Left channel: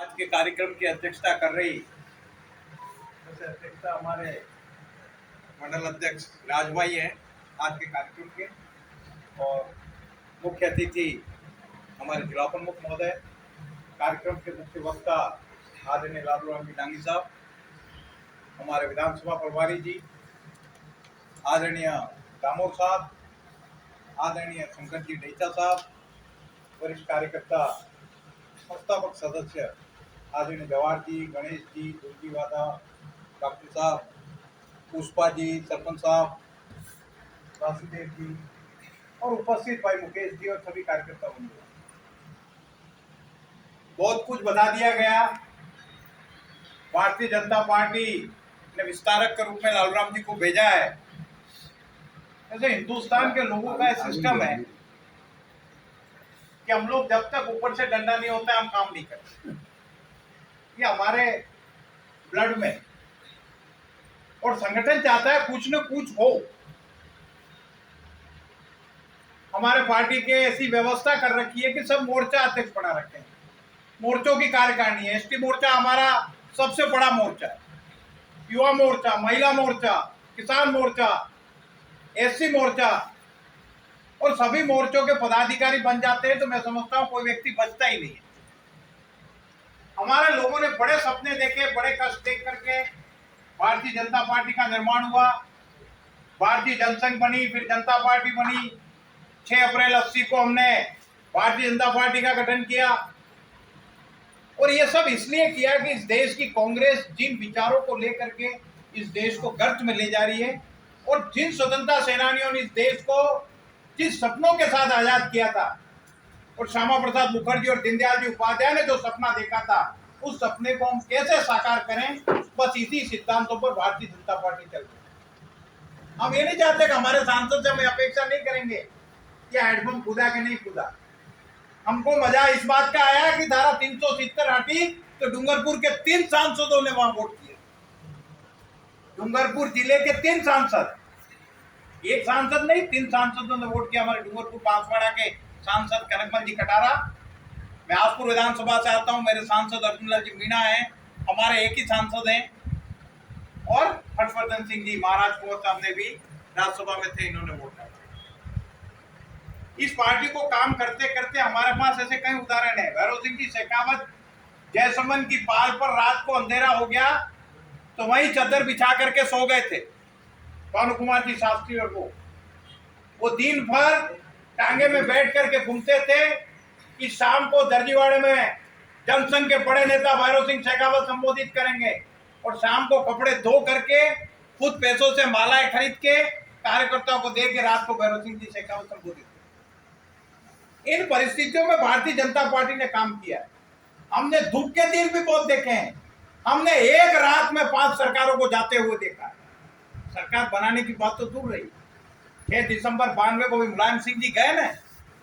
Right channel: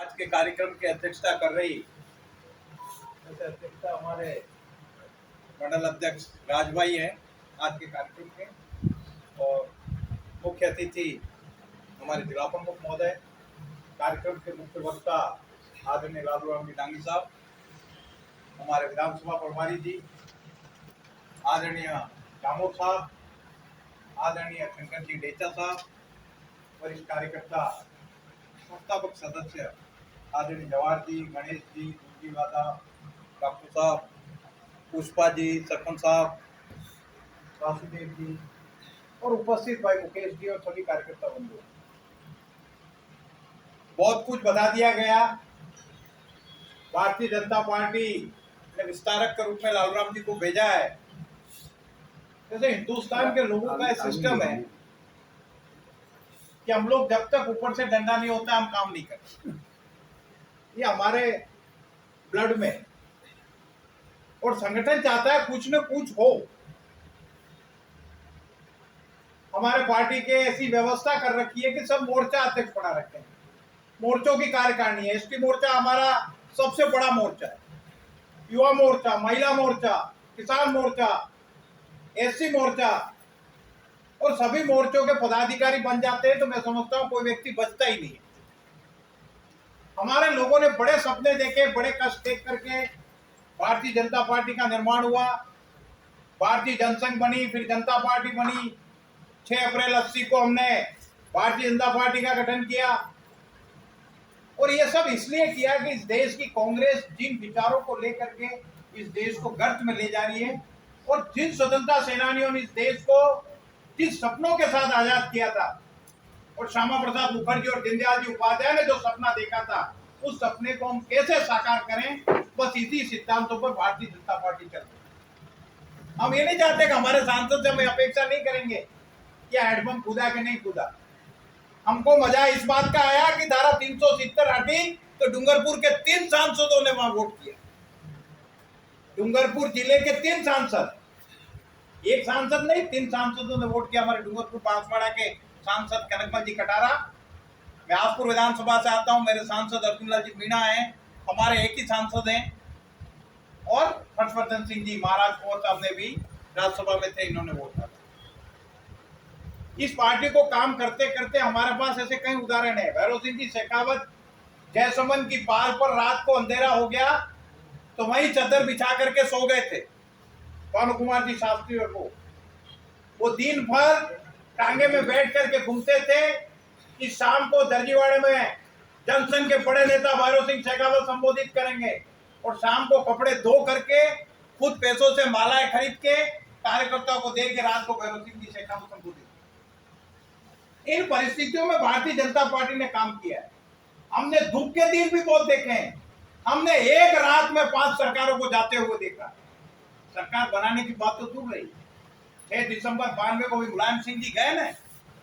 आज के कार्यक्रम की अध्यक्षता कर रही जैसे अध्यक्षता हमारे मंडल अध्यक्ष राजभाई हैं आज के कार्यक्रम के, और मुख्य अतिथि हमारे जिला प्रमुख महोदय, कार्यक्रम के मुख्य वक्ता आदरणीय लालू राम जी डांगी साहब, हमारे विधानसभा प्रभारी जी आदरणीय दामोद साहब, आदरणीय शंकर जी डेचा साहब, वरिष्ठ कार्यकर्ता संस्थापक सदस्य आदरणीय जवाहर जी, गणेश जी, दुर्गी वादा, डॉक्टर साहब, पुष्पा जी, सरपंच साहब, वासुदेव जी और उपस्थित भाई मुकेश जी और सभी कार्यकर्ता बंधु, बहुत कुछ बता दिया गया। भारतीय जनता पार्टी ने विस्तारक के रूप में लालू राम जी को भेजा है। जैसे हिंदुस्तान के लोगों का सिस्टम है कि हम लोग जब तक ऊपर से डंडा नहीं होता हम काम नहीं करते, ये हमारे ब्लड में। और संगठन चाहता है कुछ न कुछ हो। हमारे पार्टी के ऐसी व्यवस्था कर रखी है कि सब मोर्चा अध्यक्ष बना रखे हैं, मोर्चों की कार्यकारिणी है। एसटी मोर्चा हमारा सबसे बड़ा मोर्चा है, युवा मोर्चा, महिला मोर्चा, किसान मोर्चा, एससी मोर्चा, और सभी मोर्चों के पदाधिकारी बन जाते हैं तो मैं समझता हूं कोई व्यक्ति बचता ही नहीं है। हमारे लोगों ने बड़े सपने देखे, बड़े कष्ट देख करके भारतीय जनता पार्टी का निर्माण हुआ। भारतीय जनसंघ बनी, फिर जनता पार्टी बनी। 6 अप्रैल 80 को हमने भारतीय जनता पार्टी का गठन किया, और ये सब इसलिए किया कि इस देश की कांग्रेस जिन विचारों को लेकर के इस देश को गर्त में ले जा रही है, और जिन स्वतंत्रता सेनानियों ने इस देश को जिस सपनों के साथ आजाद किया था, और श्यामा प्रसाद मुखर्जी और दीनदयाल जी उपाध्याय ने जो सपना देखा था, उस सपने को हम कैसे साकार करें, बस इसी सिद्धांतों पर भारतीय जनता पार्टी चल रही है। हम ये नहीं चाहते कि हमारे सांसद से हम अपेक्षा नहीं करेंगे कि हैंडपंप कूदा कि नहीं कूदा। हमको मजा इस बात का आया कि धारा 370 हटी तो डूंगरपुर के 3 सांसदों ने वहां वोट किया। डूंगरपुर जिले के 3 सांसद, एक सांसद नहीं, 3 सांसदों ने वोट किया। हमारे डूंगरपुर बांसवाड़ा के सांसद कनकमल जी कटारा, मैं आसपुर विधानसभा से आता हूं, मेरे सांसद अर्जुन लाल जी मीणा हैं, हमारे एक ही सांसद हैं, और हर्षवर्धन सिंह जी महाराज कुंवर साहब ने भी राज्यसभा में थे, इन्होंने वोट डाला। इस पार्टी को काम करते करते हमारे पास ऐसे कई उदाहरण है। भैरव सिंह जी शेखावत जयसमन की पाल पर रात को अंधेरा हो गया तो वहीं चादर बिछा करके सो गए थे भानु कुमार जी शास्त्री, और वो दिन भर टांगे में बैठ करके घूमते थे कि शाम को दर्जीवाड़े में जनसंघ के बड़े नेता भैरव सिंह शेखावत संबोधित करेंगे, और शाम को कपड़े धो करके खुद पैसों से मालाएं खरीद के कार्यकर्ताओं को दे के रात को भैरव सिंह जी शेखावत संबोधित। इन परिस्थितियों में भारतीय जनता पार्टी ने काम किया है। हमने दुख के दिन भी बहुत देखे हैं। हमने एक रात में 5 सरकारों को जाते हुए देखा। सरकार बनाने की बात तो दूर रही, 6 दिसंबर 92 को भी मुलायम सिंह जी गए ना,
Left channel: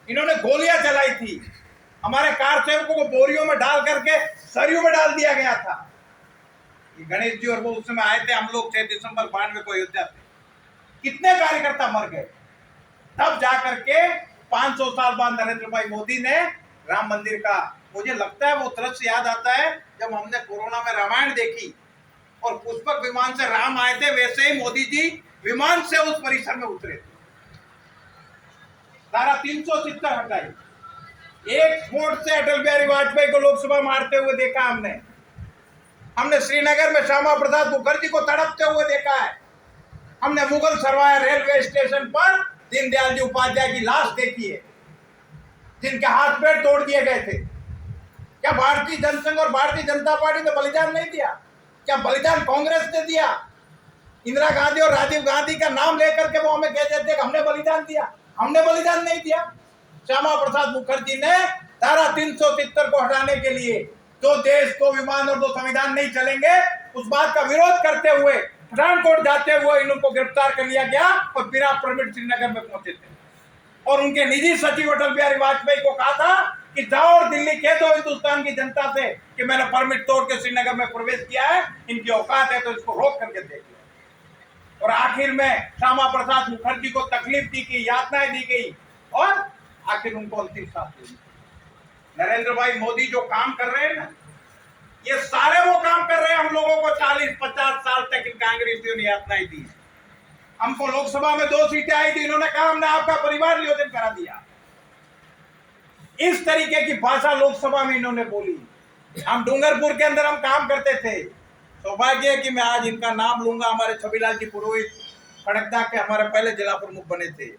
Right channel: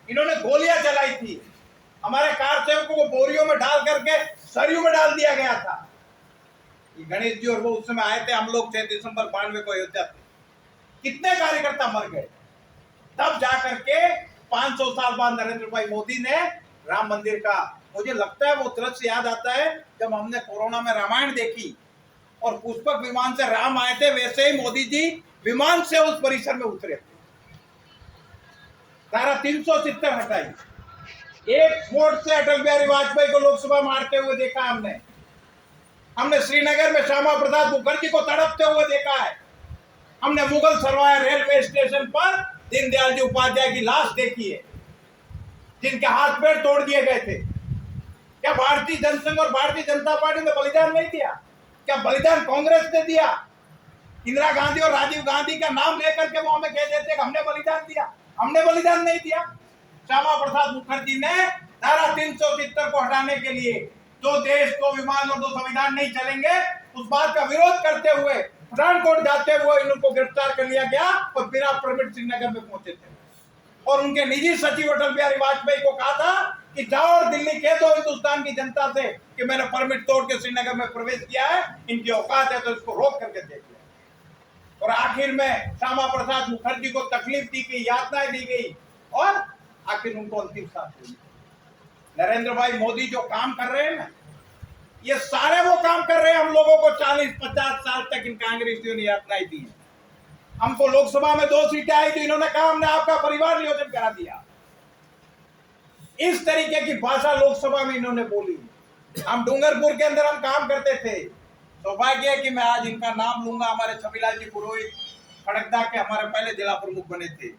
इन्होंने गोलियां चलाई थी, हमारे कार सेवकों को बोरियों में डाल करके सरयू में डाल दिया गया था। गणेश जी और वो उस समय आए थे, हम लोग 6 दिसंबर 92 को अयोध्या थे, कितने कार्यकर्ता मर गए। तब जाकर के 500 साल बाद नरेंद्र भाई मोदी ने राम मंदिर का, मुझे लगता है वो दृश्य याद आता है जब हमने कोरोना में रामायण देखी और पुष्पक विमान से राम आए थे, वैसे ही मोदी जी विमान से उस परिसर में उतरे थे। धारा 370 हटाई। एक वोट से अटल बिहारी वाजपेयी को लोकसभा में हारते हुए देखा हमने श्रीनगर में श्यामा प्रसाद मुखर्जी को तड़पते हुए देखा है। हमने मुगल सरवाया रेलवे स्टेशन पर दीनदयाल जी उपाध्याय की लाश देखी है, जिनके हाथ पैर तोड़ दिए गए थे। क्या भारतीय जनसंघ और भारतीय जनता पार्टी ने बलिदान नहीं दिया? क्या बलिदान कांग्रेस ने दिया? इंदिरा गांधी और राजीव गांधी का नाम लेकर के वो हमें कह देते कि हमने बलिदान दिया। हमने बलिदान नहीं दिया। श्यामा प्रसाद मुखर्जी ने धारा 370 को हटाने के लिए, जो देश को विमान और 2 संविधान नहीं चलेंगे, उस बात का विरोध करते हुए पठानकोट जाते हुए इनको गिरफ्तार कर लिया गया और बिना परमिट श्रीनगर में पहुंचे थे। और उनके निजी सचिव अटल बिहारी वाजपेयी को कहा था कि जाओ और दिल्ली कह दो हिंदुस्तान की जनता से कि मैंने परमिट तोड़ के श्रीनगर में प्रवेश किया है, इनकी औकात है तो इसको रोक करके देख लो। और आखिर में श्यामा प्रसाद मुखर्जी को तकलीफ दी गई, यातनाएं दी गई, और आखिर उनको अंतिम सांस ली। नरेंद्र भाई मोदी जो काम कर रहे हैं ना, ये सारे वो काम कर रहे हैं हम लोगों को 40-50 साल तक इन कांग्रेसियों ने अपनाई दी है। हमको लोकसभा में 2 सीटें आई थी, इन्होंने कहा हमने आपका परिवार नियोजन करा दिया। इस तरीके की भाषा लोकसभा में इन्होंने बोली। हम डूंगरपुर के अंदर हम काम करते थे, सौभाग्य है कि मैं आज इनका नाम लूंगा। हमारे छबीलाल जी पुरोहित खड़गदा के हमारे पहले जिला प्रमुख बने थे,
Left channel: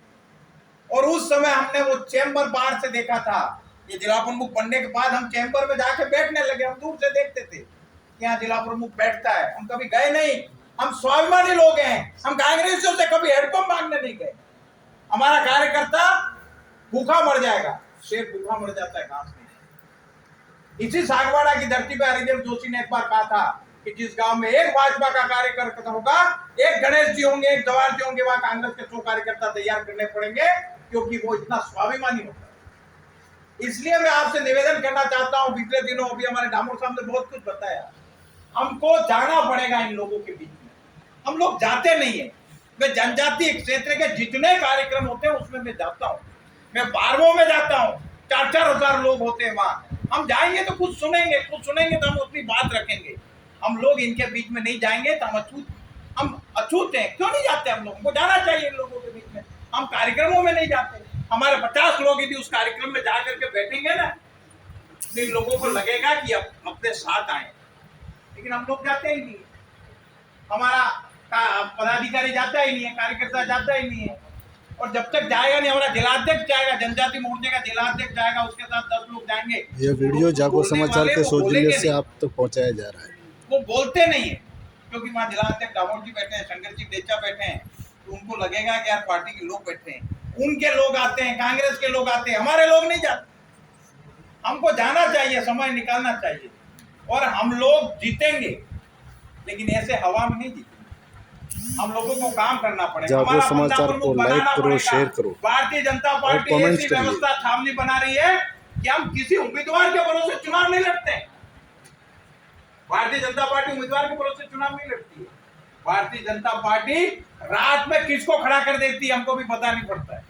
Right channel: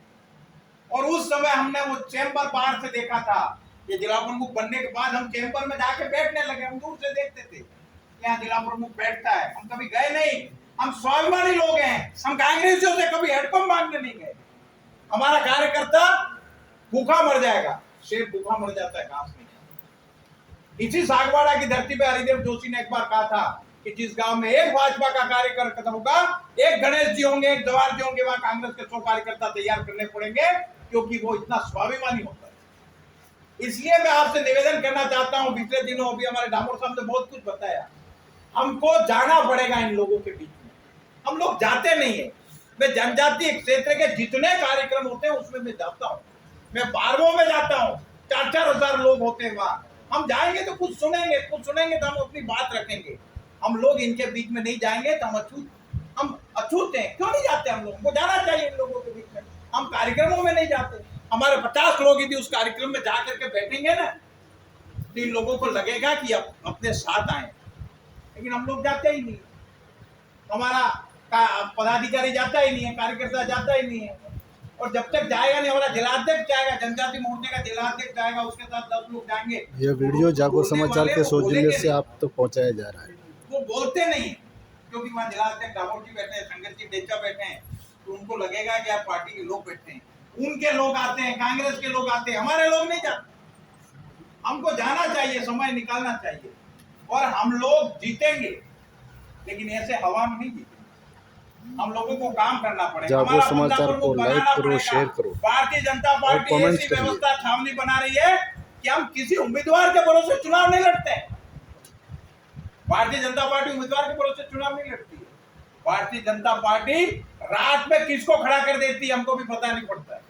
और उस समय हमने वो चैम्बर बाहर से देखा था। ये जिला प्रमुख बनने के बाद हम चैम्बर में जाके बैठने लगे। हम दूर से देखते थे यहाँ जिला प्रमुख बैठता है, हम कभी गए नहीं। हम स्वाभिमानी लोग हैं, हम कांग्रेसियों से कभी हेडपंप मांगने नहीं गए। हमारा कार्यकर्ता भूखा मर जाएगा, शेर भूखा मर जाता है, घास नहीं। इसी सागवाड़ा की धरती पे हरिदेव जोशी ने एक बार कहा था कि जिस गांव में एक भाजपा का कार्यकर्ता होगा, एक गणेश जी होंगे, एक जवाहर जी होंगे, वहां कांग्रेस के 100 कार्यकर्ता तैयार करने पड़ेंगे, क्योंकि वो इतना स्वाभिमानी होता है। इसलिए मैं आपसे निवेदन करना चाहता हूं, पिछले दिनों अभी हमारे डामोर साहब ने बहुत कुछ बताया, हमको जाना पड़ेगा इन लोगों के बीच में। हम लोग जाते नहीं है। मैं जनजातीय क्षेत्र के जितने कार्यक्रम होते हैं उसमें मैं जाता हूँ। मैं 12 में जाता हूँ, 4-4 हजार लोग होते हैं वहां। हम जाएंगे तो कुछ सुनेंगे तो हम अपनी बात रखेंगे। हम लोग इनके बीच में नहीं जाएंगे तो हम अछूत हैं। क्यों नहीं जाते? हम लोगों को जाना चाहिए इन लोगों के बीच में। हम कार्यक्रमों में नहीं जाते। हमारे 50 लोग यदि उस कार्यक्रम में जा करके बैठेंगे ना, तो इन लोगों को लगेगा कि अब अपने साथ आए, लेकिन हम लोग जाते ही नहीं। हमारा पदाधिकारी जाता ही नहीं है, कार्यकर्ता जाता ही नहीं है। और जब तक जाएगा नहीं, हमारा जिलाध्यक्ष जाएगा, जनजाति मोर्चे का जिलाध्यक्ष जाएगा, उसके साथ 10 लोग जाएंगे। यह वीडियो जागो समाचार के सौजन्य से आप तक तो पहुंचाया जा रहा है। वो बोलते नहीं है, क्योंकि वहाँ जिलाध्यक्ष डामोर जी बैठे हैं, शंकर जी डेचा बैठे हैं, तो उनको लगेगा कि यार पार्टी के लोग बैठे हैं, उनके लोग आते हैं, कांग्रेस के लोग आते हैं, हमारे लोग नहीं जाते। हमको जाना चाहिए, समय निकालना चाहिए, और हम लोग जीतेंगे, लेकिन ऐसे हवा में नहीं जीतेंगे। हम लोगों को काम करना पड़ेगा। जागो समाचार को लाइक करो, शेयर करो। भारतीय जनता पार्टी ऐसी व्यवस्था छावनी बना रही है कि हम किसी उम्मीदवार के भरोसे चुनाव नहीं लड़ते हैं। भारतीय जनता पार्टी उम्मीदवार के भरोसे चुनाव नहीं लड़ती है। भारतीय जनता पार्टी रात में किसको खड़ा कर देती है हमको भी पता नहीं पड़ता है।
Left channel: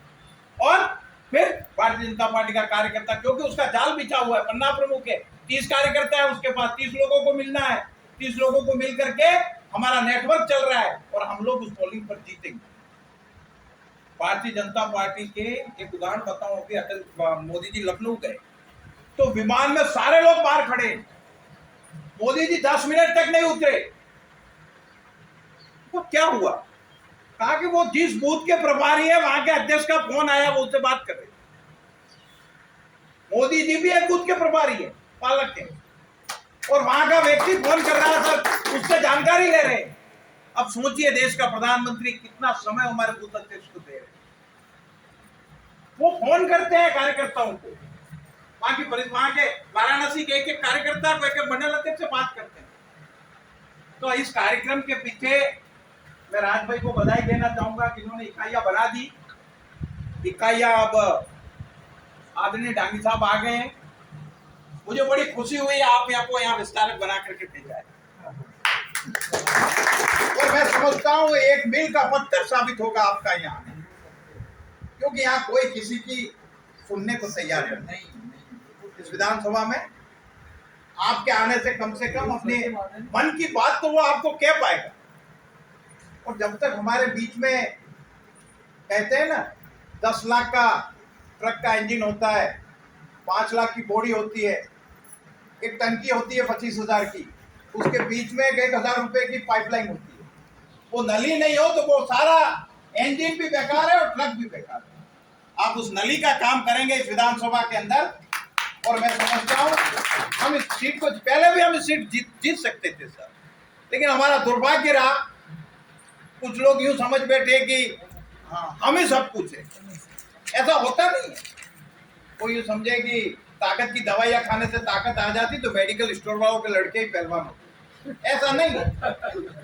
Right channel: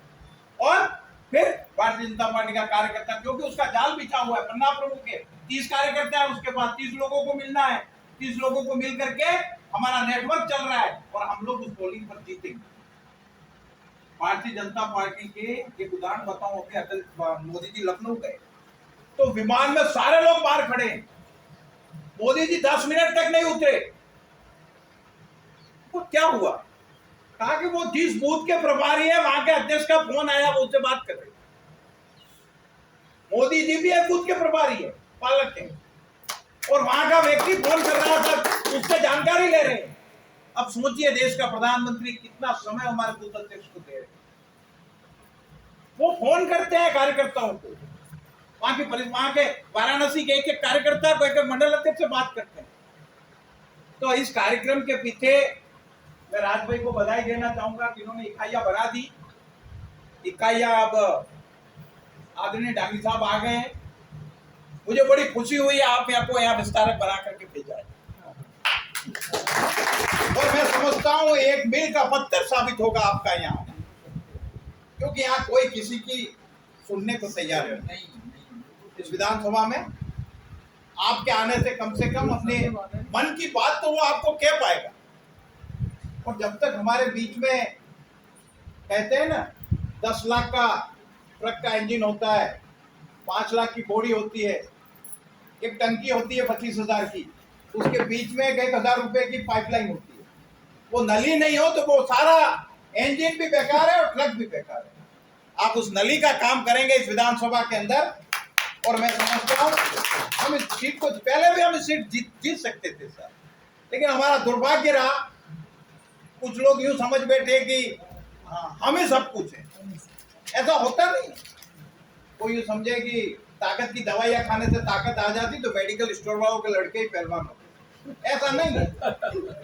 और फिर भारतीय जनता पार्टी का कार्यकर्ता, क्योंकि उसका जाल बिछा हुआ है, पन्ना प्रमुख है, 30 कार्यकर्ता है उसके पास, 30 लोगों को मिलना है, 30 लोगों को मिल करके हमारा नेटवर्क चल रहा है, और हम लोग उस पोलिंग पर जीतेंगे। भारतीय जनता पार्टी के एक उदाहरण बताऊं, अभी अटल मोदी जी लखनऊ गए तो विमान में सारे लोग बाहर खड़े हैं, मोदी जी 10 मिनट तक नहीं उतरे। वो क्या हुआ? कहा कि वो जिस बूथ के प्रभारी है वहां के अध्यक्ष का फोन आया, वो उससे बात कर रहे। मोदी जी भी एक बूथ के प्रभारी है, पालक है, और वहां का व्यक्ति फोन कर रहा था, उससे जानकारी ले रहे हैं। अब सोचिए, देश का प्रधानमंत्री कितना समय हमारे बूथ अध्यक्ष को दे रहे हैं। वो फोन करते हैं कार्यकर्ताओं को, वहां के वाराणसी के एक कार्यकर्ता को, एक मंडल अध्यक्ष से बात करते हैं। तो इस कार्यक्रम के पीछे मैं राज भाई को बधाई देना चाहूंगा कि इन्होंने इकाइयां बना दी। इकाइयां अब आदरणीय डांगी साहब आ गए हैं, मुझे बड़ी खुशी हुई आप आपको यहाँ विस्तारक बना करके भेजा है, और मैं समझता हूँ एक मील का पत्थर साबित होगा आपका यहाँ, क्योंकि यहाँ कोई किसी की सुनने को तैयार नहीं। इस विधानसभा में आपके आने से कम अपने मन की बात तो वो आपको कह पाएगा। और जब तक हमारे बीच में, कहते हैं ना, 10 लाख का ट्रक का इंजन होता है, 5 लाख की बॉडी होती है, एक टंकी होती है 25,000 की, उसके बीच में 1,000 रुपए की पाइपलाइन होती है। वो नली नहीं हो तो वो सारा इंजन भी बेकार है और ट्रक भी बेकार है। आप उस नली का काम करेंगे इस विधानसभा के अंदर, और मैं समझता हूँ हम इस सीट को, पहले भी हम इस सीट जीत सकते थे सर, लेकिन हमारा दुर्भाग्य रहा। कुछ लोग यूं समझ बैठे कि हाँ हम ही सब कुछ है। ऐसा होता नहीं है। कोई यूं समझे कि ताकत की दवाइयां खाने से ताकत आ जाती तो मेडिकल स्टोर वालों के लड़के ही पहलवान होते। ऐसा नहीं है,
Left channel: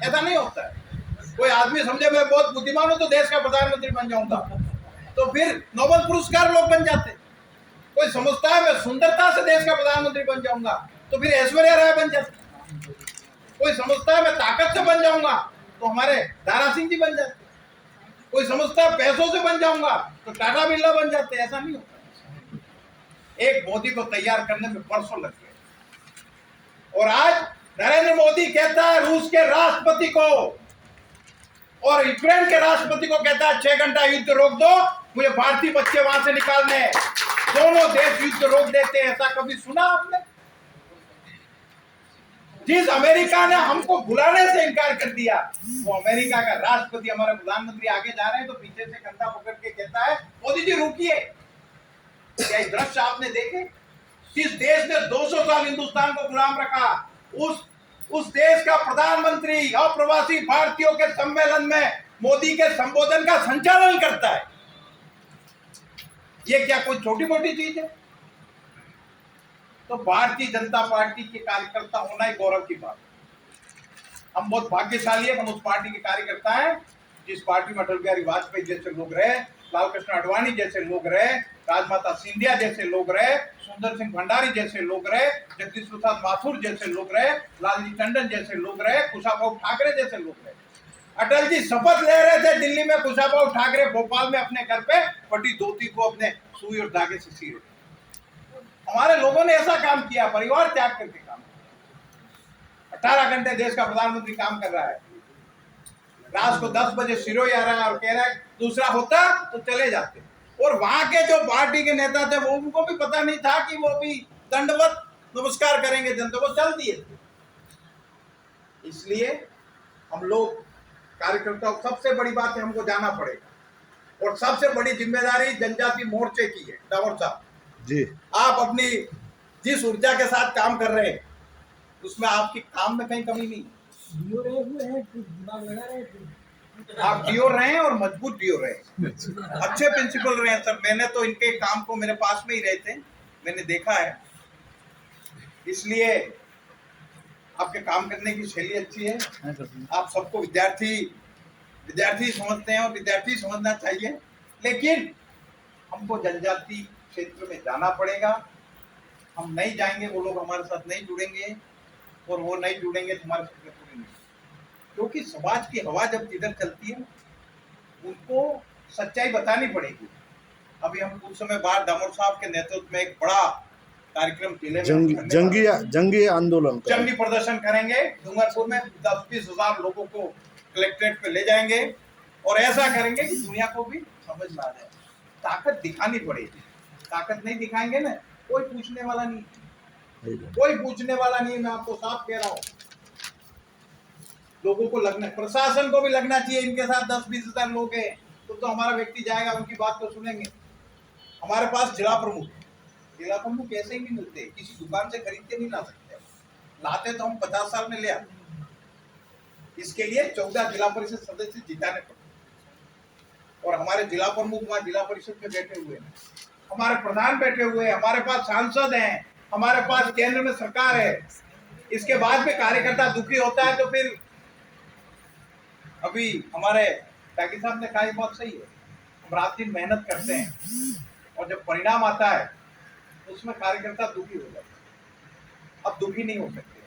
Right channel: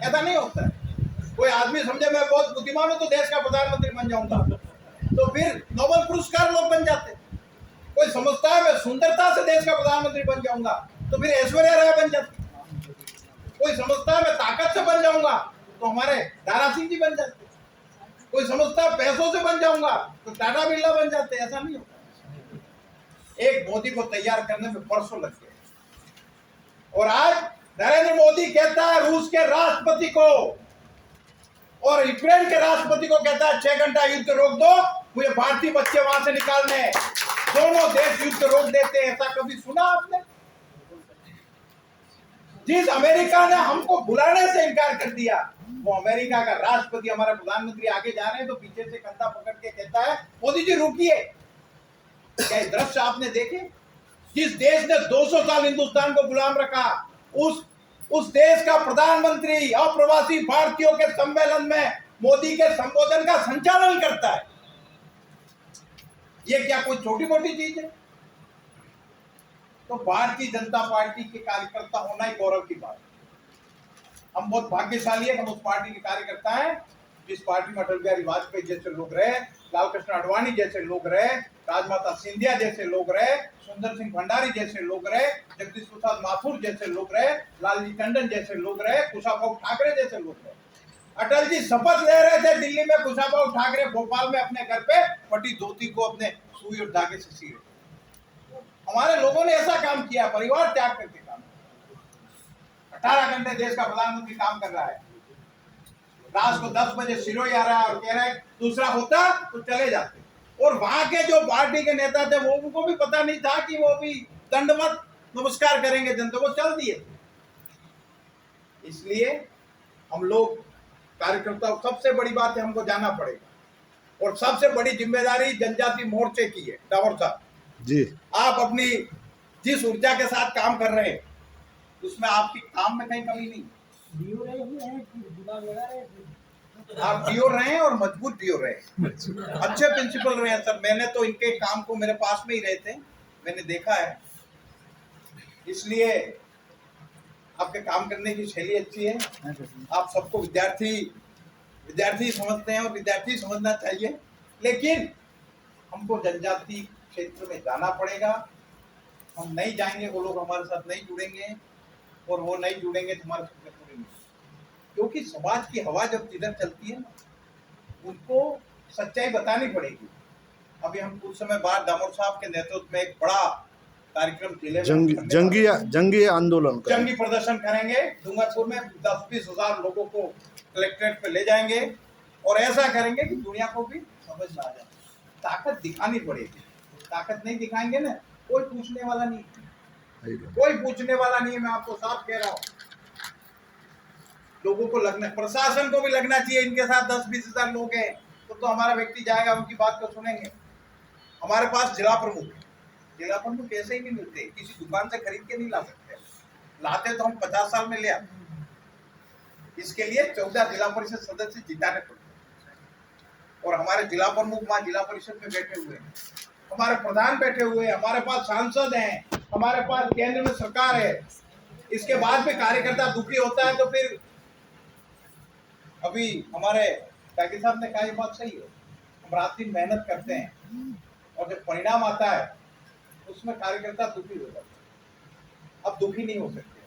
ऐसा नहीं होता है। कोई आदमी समझे मैं बहुत बुद्धिमान हूं तो देश का प्रधानमंत्री बन जाऊंगा, तो फिर नोबेल पुरस्कार लोग बन जाते। कोई समझता है मैं सुंदरता से देश का प्रधानमंत्री बन जाऊंगा, तो फिर ऐश्वर्या राय बन जाती। कोई समझता है मैं ताकत से बन जाऊंगा, तो हमारे दारा सिंह जी बन जाते। कोई समझता है पैसों से बन जाऊंगा, तो टाटा बिरला बन जाते। ऐसा नहीं होता। एक मोदी को तैयार करने में बरसों लग गए, और आज नरेंद्र मोदी कहता है रूस के राष्ट्रपति को और यूक्रेन के राष्ट्रपति को कहता है 6 घंटा युद्ध रोक दो, मुझे भारतीय बच्चे वहां से निकालने हैं। दोनों देश युद्ध रोक देते हैं। ऐसा कभी सुना आपने? जिस अमेरिका ने हमको बुलाने से इनकार कर दिया, वो अमेरिका का राष्ट्रपति, हमारे प्रधानमंत्री आगे जा रहे हैं तो पीछे से कंधा पकड़ के कहता है मोदी जी रुकिए। क्या ये दृश्य आपने देखे? जिस देश ने 200 साल हिंदुस्तान को गुलाम रखा, उस देश का प्रधानमंत्री अप्रवासी भारतीयों के सम्मेलन में मोदी के संबोधन का संचालन करता है। ये क्या कोई छोटी मोटी चीज है? तो भारतीय जनता पार्टी के कार्यकर्ता होना ही गौरव की बात है। हम बहुत भाग्यशाली है, हम उस पार्टी के कार्यकर्ता हैं जिस पार्टी में अटल बिहारी वाजपेयी जैसे लोग रहे, लाल कृष्ण आडवाणी जैसे लोग रहे, राजमाता सिंधिया जैसे लोग रहे, सुंदर सिंह भंडारी जैसे लोग रहे, जगदीश प्रसाद माथुर जैसे लोग रहे, लालजी टंडन जैसे लोग रहे, कुशाभाऊ ठाकरे जैसे लोग रहे। अटल जी शपथ ले रहे थे दिल्ली में, कुशाभाऊ ठाकरे भोपाल में अपने घर पे फटी धोती को अपने सुई और धागे से सी रहे। हमारे लोगों ने ऐसा काम किया, परिवार त्याग करके काम किया। 18 घंटे देश का प्रधानमंत्री काम कर रहा है, रात को 10 बजे सिरोही आ रहा है और कह रहा है दूसरा होता तो चले जाते। और वहां के जो पार्टी के नेता थे वो उनको भी पता नहीं था कि वो भी दंडवत नमस्कार करेंगे जनता को, चल दिए। इसलिए हम लोग कार्यकर्ताओं, सबसे बड़ी बात है हमको जाना पड़ेगा और सबसे बड़ी जिम्मेदारी जनजाति मोर्चे की है। डावर साहब जी, आप अपनी जिस ऊर्जा के साथ काम कर रहे हैं उसमें आपकी काम में कहीं कमी नहीं। आप डीओ रहे हैं और मजबूत डीओ रहे हैं, अच्छे प्रिंसिपल रहे हैं सर। मैंने तो इनके काम को, मेरे पास में ही रहते, मैंने देखा है, इसलिए आपके काम करने की शैली अच्छी है। आप सबको विद्यार्थी समझते हैं और विद्यार्थी समझना चाहिए, लेकिन हमको जनजाति क्षेत्र में जाना पड़ेगा। हम नहीं जाएंगे, वो लोग हमारे साथ नहीं जुड़ेंगे और वो नहीं जुड़ेंगे तो हमारे सपने पूरे नहीं। क्योंकि समाज की हवा जब जिधर चलती है उनको सच्चाई बतानी पड़ेगी। अभी हम कुछ समय बाद दामोद साहब के नेतृत्व में एक बड़ा कार्यक्रम जिले में जंगी आंदोलन, जंगी प्रदर्शन करेंगे। डूंगरपुर में 10-20 हजार लोगों को कलेक्ट्रेट पे ले जाएंगे और ऐसा करेंगे कि दुनिया को भी समझ में आ जाए। ताकत दिखानी पड़ेगी, ताकत नहीं दिखाएंगे ना कोई पूछने वाला नहीं, कोई पूछने वाला नहीं। मैं आपको साफ कह रहा हूँ, लोगों को लगना, प्रशासन को भी लगना चाहिए इनके साथ 10-20 हजार लोग हैं तो हमारा व्यक्ति जाएगा, उनकी बात को सुनेंगे। हमारे पास जिला प्रमुख है, जिला प्रमुख ऐसे ही नहीं मिलते, किसी दुकान से खरीद के नहीं ला सकते। लाते तो हम 50 साल में ले आते। इसके लिए 14 जिला परिषद सदस्य जिताने पड़ते और हमारे जिला प्रमुख वहां जिला परिषद में बैठे हुए हैं, हमारे प्रधान बैठे हुए हैं, हमारे पास सांसद हैं, हमारे पास केंद्र में सरकार है। इसके बाद में कार्यकर्ता दुखी होता है तो फिर अभी हमारे टाकी साहब ने कहा, ये बात सही है, हम रात दिन मेहनत करते हैं और जब परिणाम आता है उसमें कार्यकर्ता दुखी हो जाता है। अब दुखी नहीं हो सकते।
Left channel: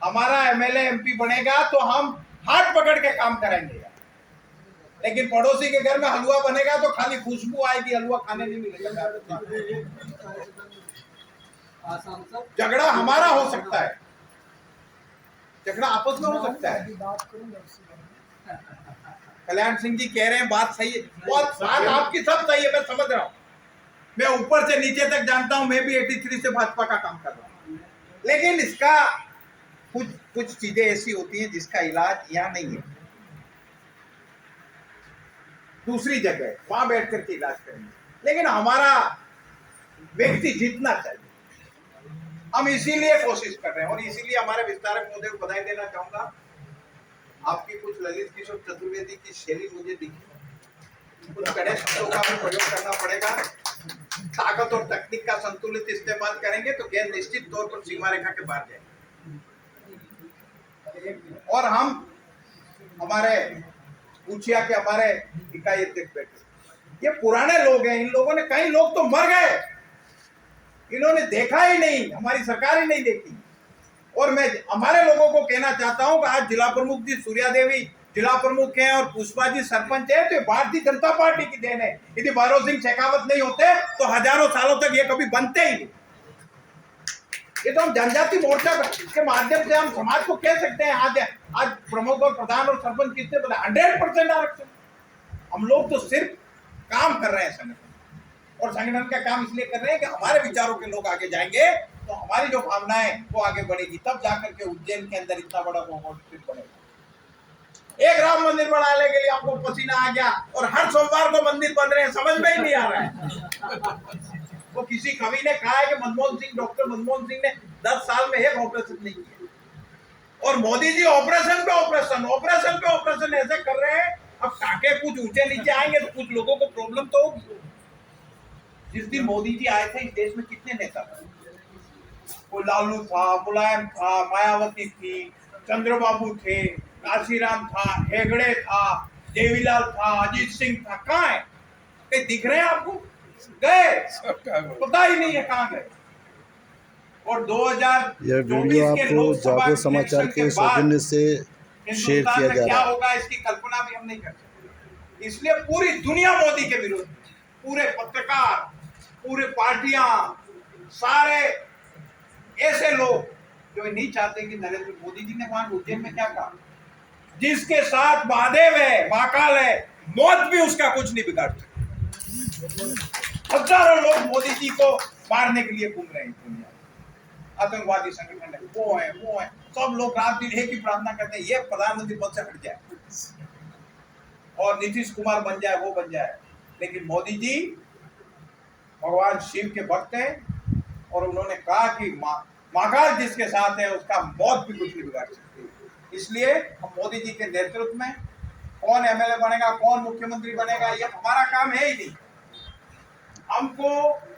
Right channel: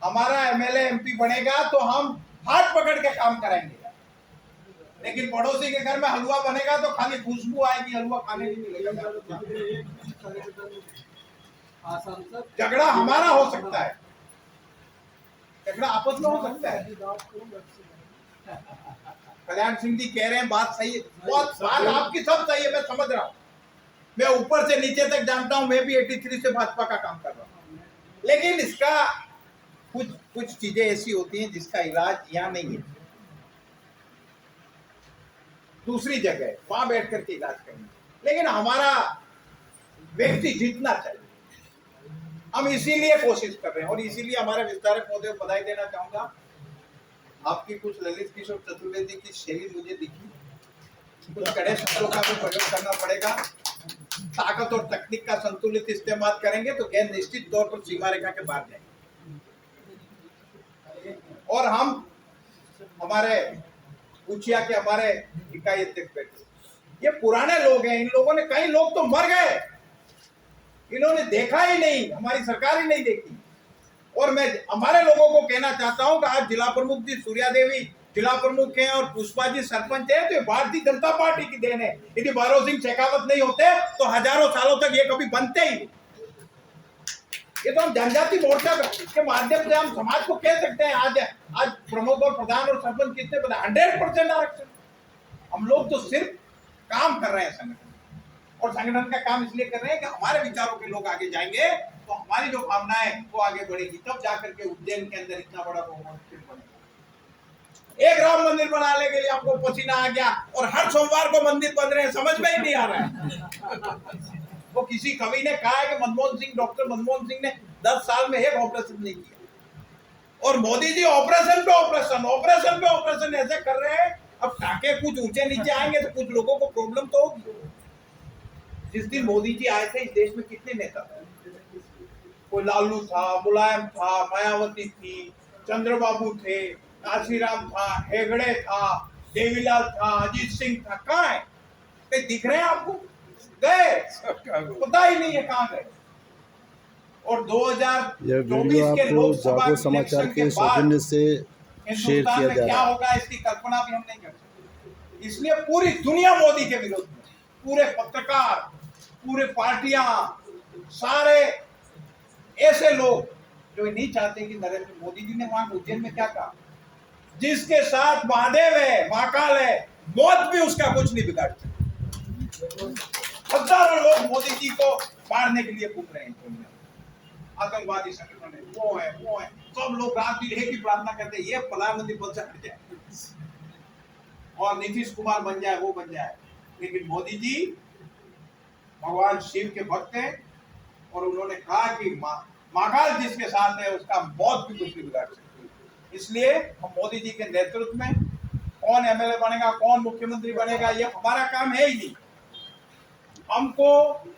हमारा एमएलए एमपी बनेगा तो हम हाथ पकड़ के काम कराएंगे, लेकिन पड़ोसी के घर में हलवा बनेगा तो खाली खुशबू आएगी, हलवा खाने नहीं मिलेगा। झगड़ा हमारा हो सकता है, झगड़ा आपस में हो सकता है। कल्याण सिंह जी कह रहे हैं बात सही है, बात आपकी सब सही है, मैं समझ रहा हूँ। मैं ऊपर से नीचे तक जानता हूँ, मैं भी 83 से भाजपा का काम कर रहा हूँ, लेकिन इसका कुछ चीजें ऐसी होती हैं जिसका इलाज यहाँ नहीं है, दूसरी जगह वहां बैठ करके इलाज करेंगे। लेकिन हमारा व्यक्ति जीतना चाहिए, हम इसीलिए कोशिश कर रहे हैं और इसीलिए हमारे विस्तारक महोदय को बधाई देना चाहूंगा। आपकी कुछ ललित किशोर चतुर्वेदी की शैली मुझे दिखी, कुछ कड़े शब्दों का भी प्रयोग करना पड़ेगा। ताकत और तकनीक का संतुलित इस्तेमाल करेंगे तो गेंद निश्चित तौर पर सीमा रेखा के बाहर जाएगी। और हम हमारे पूछिया के हमारे इकाई अध्यक्ष बैठे, ये पुराने लोग हैं, इन लोगों ने, कई लोग तो मर गए, इन्होंने देखा ही नहीं, हमारी सरकार ही नहीं देखी। और मैं हमारे लोगों को कहना चाहता हूं कि आज जिला प्रमुख जी सूर्या देवी जिला प्रमुख हैं और पुष्पा जी सरपंच है, तो भारतीय जनता पार्टी की देन है। यदि भैरव सिंह शेखावत नहीं होते तो हजारों सालों तक ये कभी बनते ही नहीं। ये तो हम जनजाति मोर्चा के माध्यम से हम समाज को कह सकते हैं। आज प्रमुख और प्रधान और सरपंच कितने पता 100% आरक्षण। हम लोग तो सिर्फ काम कर रहे हैं संगठन, और संगठन का काम इसलिए कर रहे हैं कि हमारे विचारों के लोग आगे जाएंगे तो हमारी जो भावनाएं वो आगे बढ़ेगी, तब जाकर के उज्जैन के अंदर इतना बड़ा मोमेंटम बनेगा। एक राम मंदिर बनाने के लिए आपको पसीना आ गया और हर सोमवार को मंदिर बन रहे हैं, समझ में ही नहीं आ रहा है। वो किसी कवि ने कहा है कि मनमोहन सिंह, डॉक्टर मनमोहन सिंह ने 10 साल में एक ऑपरेशन नहीं किया, और मोदी जी ऑपरेशन पे ऑपरेशन ऐसे कर रहे हैं। अब टाके कुछ ऊंचे नीचे आएंगे तो कुछ लोगों को प्रॉब्लम तो होगी। जिस दिन मोदी जी आए थे इस देश में कितने नेता थे? कोई लालू था, मुलायम था, मायावती थी, चंद्रबाबू थे, काशीराम था, हेगड़े था, देवीलाल था, अजीत सिंह था। कहाँ है? कहीं दिख रहे हैं आपको? गए, पता ही नहीं है कहाँ गए। और 2024 यह वीडियो आपको जागो समाचार के सौजन्य से शेयर किया जा क्या रहा है। होगा इसकी कल्पना भी हम नहीं कर सकते। इसलिए पूरी दुनिया मोदी के विरोध में, पूरे पत्रकार, पूरे पार्टियां, सारे ऐसे लोग जो नहीं चाहते कि नरेंद्र मोदी जी ने वहां उज्जैन में क्या कहा, जिसके साथ महादेव है, महाकाल है, मौत भी उसका कुछ नहीं बिगाड़ सकती। हजारों लोग मोदी जी को मारने के लिए घूम रहे हैं दुनिया। आतंकवादी संगठन है, वो है, सब लोग रात दिन एक ही प्रार्थना करते हैं, ये प्रधानमंत्री पद से हट जाए और नीतीश कुमार बन जाए, वो बन जाए। लेकिन मोदी जी भगवान शिव के भक्त हैं और उन्होंने कहा कि महाकाल जिसके साथ है उसका मौत भी कुछ नहीं बिगाड़ सकती। इसलिए हम मोदी जी के नेतृत्व में कौन एमएलए बनेगा, कौन मुख्यमंत्री बनेगा, ये हमारा काम है ही नहीं। हमको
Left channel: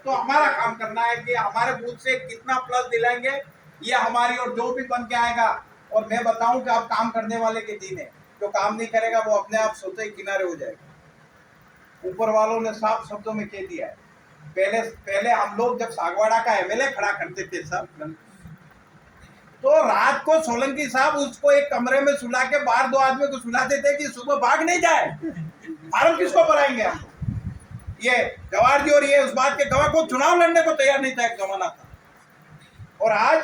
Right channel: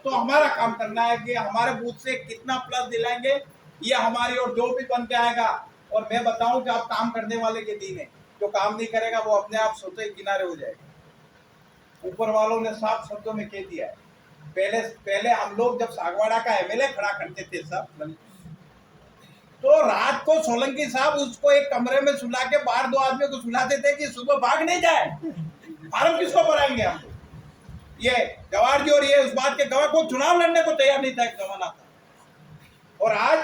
तो हमारा काम करना है कि हमारे बूथ से कितना प्लस दिलाएंगे, ये हमारी, और जो भी बन के आएगा। और मैं बताऊं कि आप काम करने वाले के दिन है, जो काम नहीं करेगा वो अपने आप सोते ही किनारे हो जाएगा। ऊपर वालों ने साफ शब्दों में कह दिया है। पहले हम लोग जब सागवाड़ा का एमएलए खड़ा करते थे सब, तो रात को सोलंकी साहब उसको एक कमरे में सुला के बाहर 2 आदमी को सुलाते थे कि सुबह भाग नहीं जाए। फार्म किसको भराएंगे हम? ये जवाहर जी और ये उस बात के गवाह को चुनाव लड़ने को तैयार नहीं था, एक जमाना था। और आज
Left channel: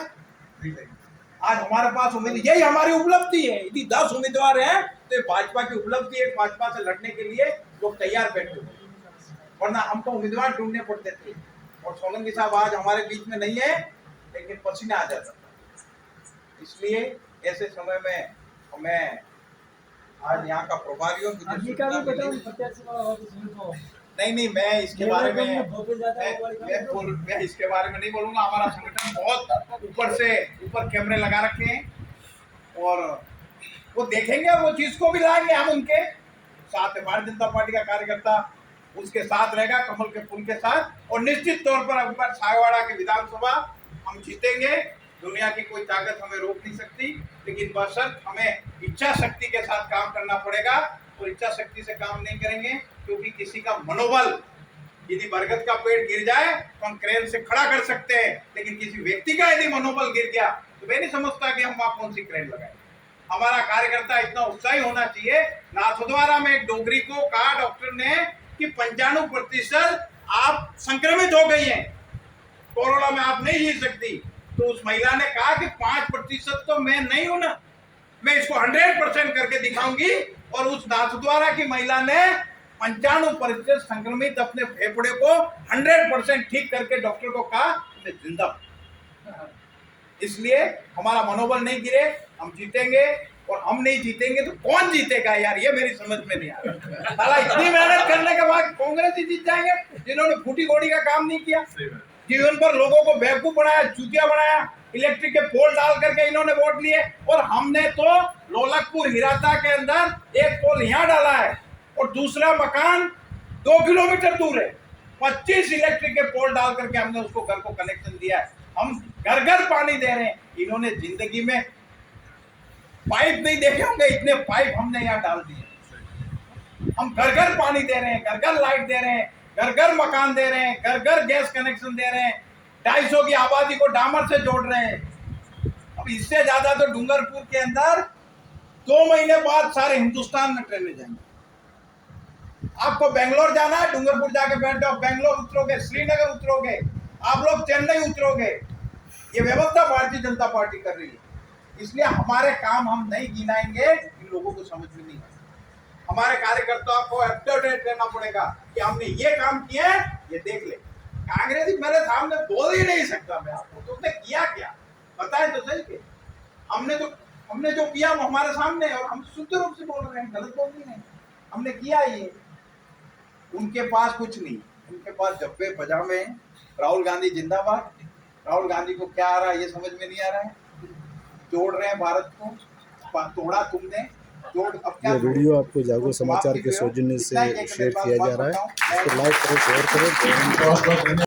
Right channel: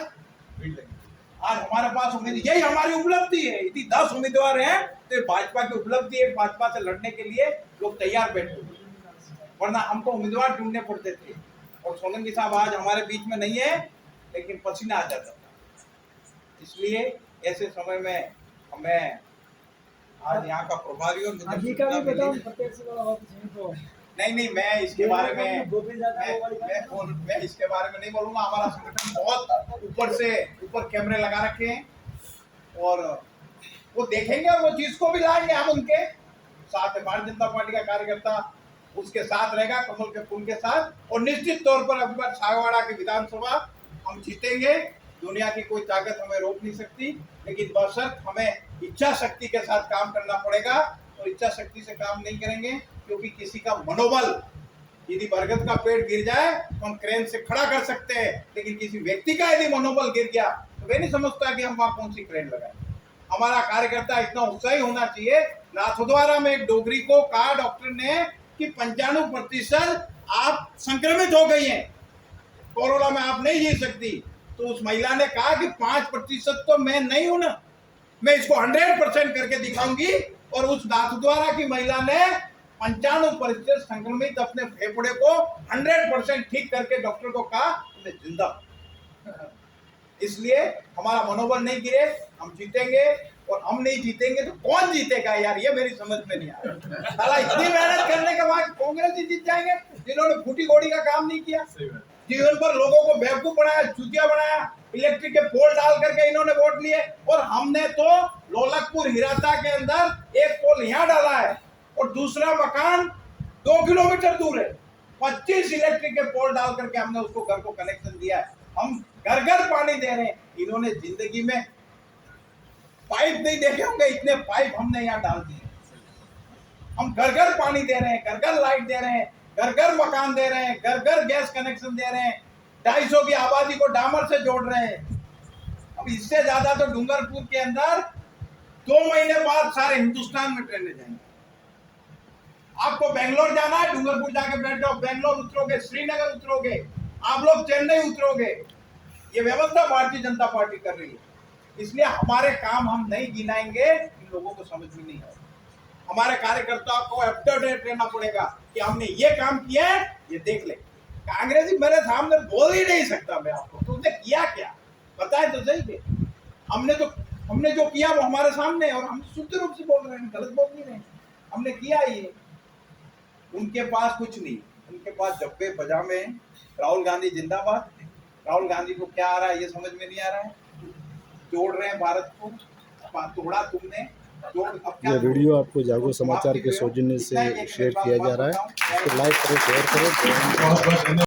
हमारे पास उम्मीद, यही हमारी उपलब्धि है। यदि 10 उम्मीदवार हैं तो भाजपा की उपलब्धि है। भाजपा से लड़ने के लिए लोग तैयार बैठे हुए, वरना हमको उम्मीदवार ढूंढने पड़ते थे। और सोलंकी साहब आज हमारे बीच में नहीं है, लेकिन पसीना आ जाता था। इसलिए ऐसे समय में हमें आज यहाँ का प्रभारी और नहीं, मैं इसके बारे में मैं इसके बारे में नहीं बोलूंगा। हमारा संगठन बहुत ऊपर कैमरे लगा रखे हैं और वो देखेंगे, वो चीज को भी लाएंगे हम उनके साथ। भारतीय जनता पार्टी का कार्यकर्ता उसके साथ रहेगा, कमल के फूल के साथ। और निश्चित तौर पर अब सागवाड़ा की विधानसभा हम जीतेंगे। दुनिया की कोई ताकत हमें रोक नहीं सकती, लेकिन बशर्त हमें इच्छा शक्ति के साथ काम करना पड़ेगा। और इच्छा शक्ति से काम नहीं करेंगे क्योंकि किसी का मनोबल, यदि बरगद का पेड़ गिर जाए तो हम क्रेन से खड़ा कर सकते हैं, लेकिन किसी व्यक्ति का यदि मनोबल गिर गया तो मैं नहीं समझता कि हम वहां कौन सी क्रेन लगाएंगे। हमारा कार्यकर्ता इतना उत्साही होना चाहिए। नाथद्वारा में एक डोगरी को कहा डॉक्टर ने कि 95% आप संक्रमित हो गई हैं, कोरोना में आप नहीं जी सकती। तो उस महिला ने कहा कि 5% तो मैं नहीं हूं ना, मैं इसको 100% करके दिखाऊंगी। और उस नाथद्वारा की महिला ने 95% संक्रमित अपने फेफड़े को 100% ठीक करके डॉक्टर को कहा जिंदा। इसलिए हमारा मनोबल नहीं गिरे, हम जीतेंगे। और हम नहीं जीतेंगे तो कौन जीतेगा यार, ये मेरी समझ में नहीं आ रहा। साला इतनी मेहनत करने के बाद कांग्रेस ही जीत जाएंगे, जिन्होंने फूटी गोड़ी का काम नहीं किया, जीवन पर लोगों को बेवकूफ बनाया, चूतिया बनाया, इलेक्ट्रिक के पोल डाल करके इन्होंने वोट लिए। और हमने तो लोलकपुर हिराता के अंदर एक पोल यहाँ डाला है और दूसरा मकान 2 किलोमीटर दूर है। 25 इलेक्ट्रिक के पोल डाल करके हमने उसको घर को कनेक्शन दिया है। हम घर घर पानी दे रहे हैं। इन्होंने जिंदगी में पाइप नहीं देखे होंगे, इतने पाइप हमने यहाँ डाल दिए। हम घर घर पानी दे रहे हैं, घर घर लाइट दे रहे हैं, घर घर मकान दे रहे हैं, घर घर गैस कनेक्शन दे रहे हैं। 250 की आबादी को डामर से जोड़ रहे हैं। अब इससे ज्यादा तो डूंगरपुर के अंदर 2 महीने बाद सारे हिंदुस्तान में ट्रेनें जाएंगे। आपको बेंगलोर जाना है, डूंगरपुर जाके बैठ जाओ, बेंगलोर उतरोगे, श्रीनगर उतरोगे, आप लोग चेन्नई उतरोगे। ये व्यवस्था भारतीय जनता पार्टी कर रही है। इसलिए हमारे काम हम नहीं गिनाएंगे, इन लोगों को समझ में नहीं आएगा। हमारे कार्यकर्ताओं को अप टू डेट रहना पड़ेगा कि हमने ये काम किया है, ये देख ले। कांग्रेसी मेरे सामने बोल ही नहीं सकता मैं आपको, तो उसने किया क्या बताए तो सही के। हमने जो किया वो हमारे सामने है और हम शुद्ध रूप से बोल रहे हैं, गलत बोल नहीं रहे हैं। हमने किया ये। उनके पास कुछ नहीं, उनके पास जब्बे पजामे। राहुल गांधी जिंदाबाद। राहुल गांधी को क्या आ रहा है ये समझ में नहीं आ रहा है। तोड़ रहे हैं भारत को, तोड़ा तुमने, तोड़ अब क्या। यह वीडियो आपको जागो समाचार के सौजन्य से शेयर किया जा रहा है। इसको लाइक करें, शेयर करें।